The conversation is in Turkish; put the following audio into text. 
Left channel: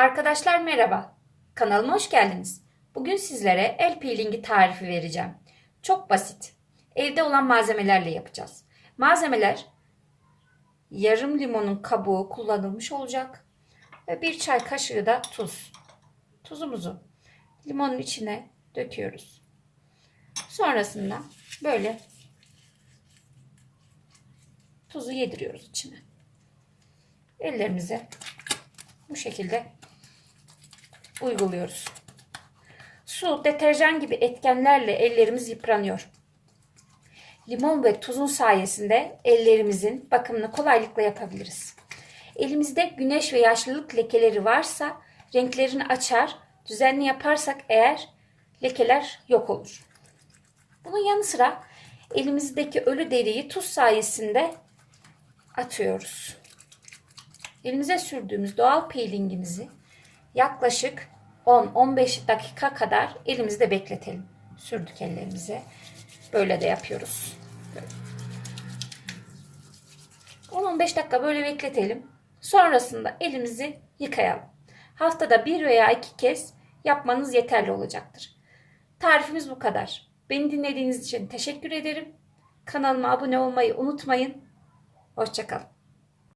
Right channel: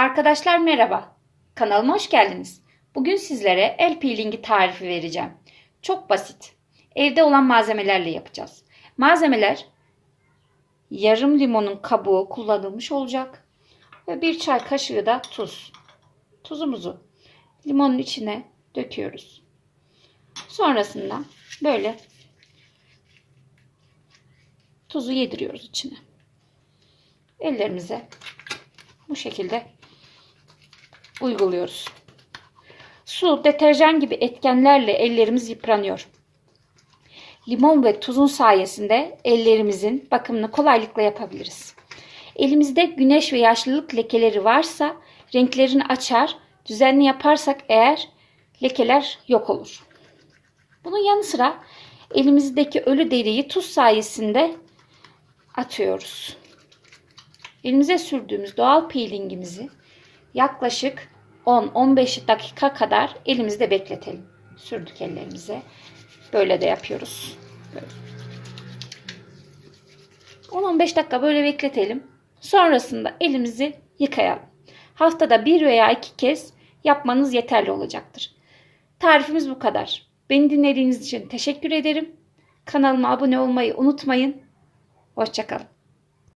Arkadaşlar merhaba. Kanalıma hoş geldiniz. Bugün sizlere el peelingi tarifi vereceğim. Çok basit. Evde olan malzemelerle yapacağız. Malzemeler yarım limonun kabuğu kullanılmış olacak. Ve bir çay kaşığı da tuz. Tuzumuzu limonun içine döküyoruz. Sonrasında böyle tuzu yediriyoruz içine. Ellerimize bu şekilde uyguluyoruz. Su, deterjan gibi etkenlerle ellerimiz yıpranıyor. Limon ve tuzun sayesinde ellerimizin bakımını kolaylıkla yapabiliriz. Elimizde güneş ve yaşlılık lekeleri varsa renklerini açar, düzenli yaparsak eğer lekeler yok olur. Bunun yanı sıra elimizdeki ölü deriyi tuz sayesinde atıyoruz. Elimize sürdüğümüz doğal peelingimizi yaklaşık 10-15 dakika kadar elimizde bekletelim. Sürdük ellerimize. Böyle de yapıyoruz. Böyle. 10-15 dakika böyle bekletelim. Sonrasında elimizi yıkayalım. Haftada bir veya iki kez yapmanız yeterli olacaktır. Tarifimiz bu kadar. Beni dinlediğiniz için teşekkür ederim. Kanalıma abone olmayı unutmayın. Hoşçakalın.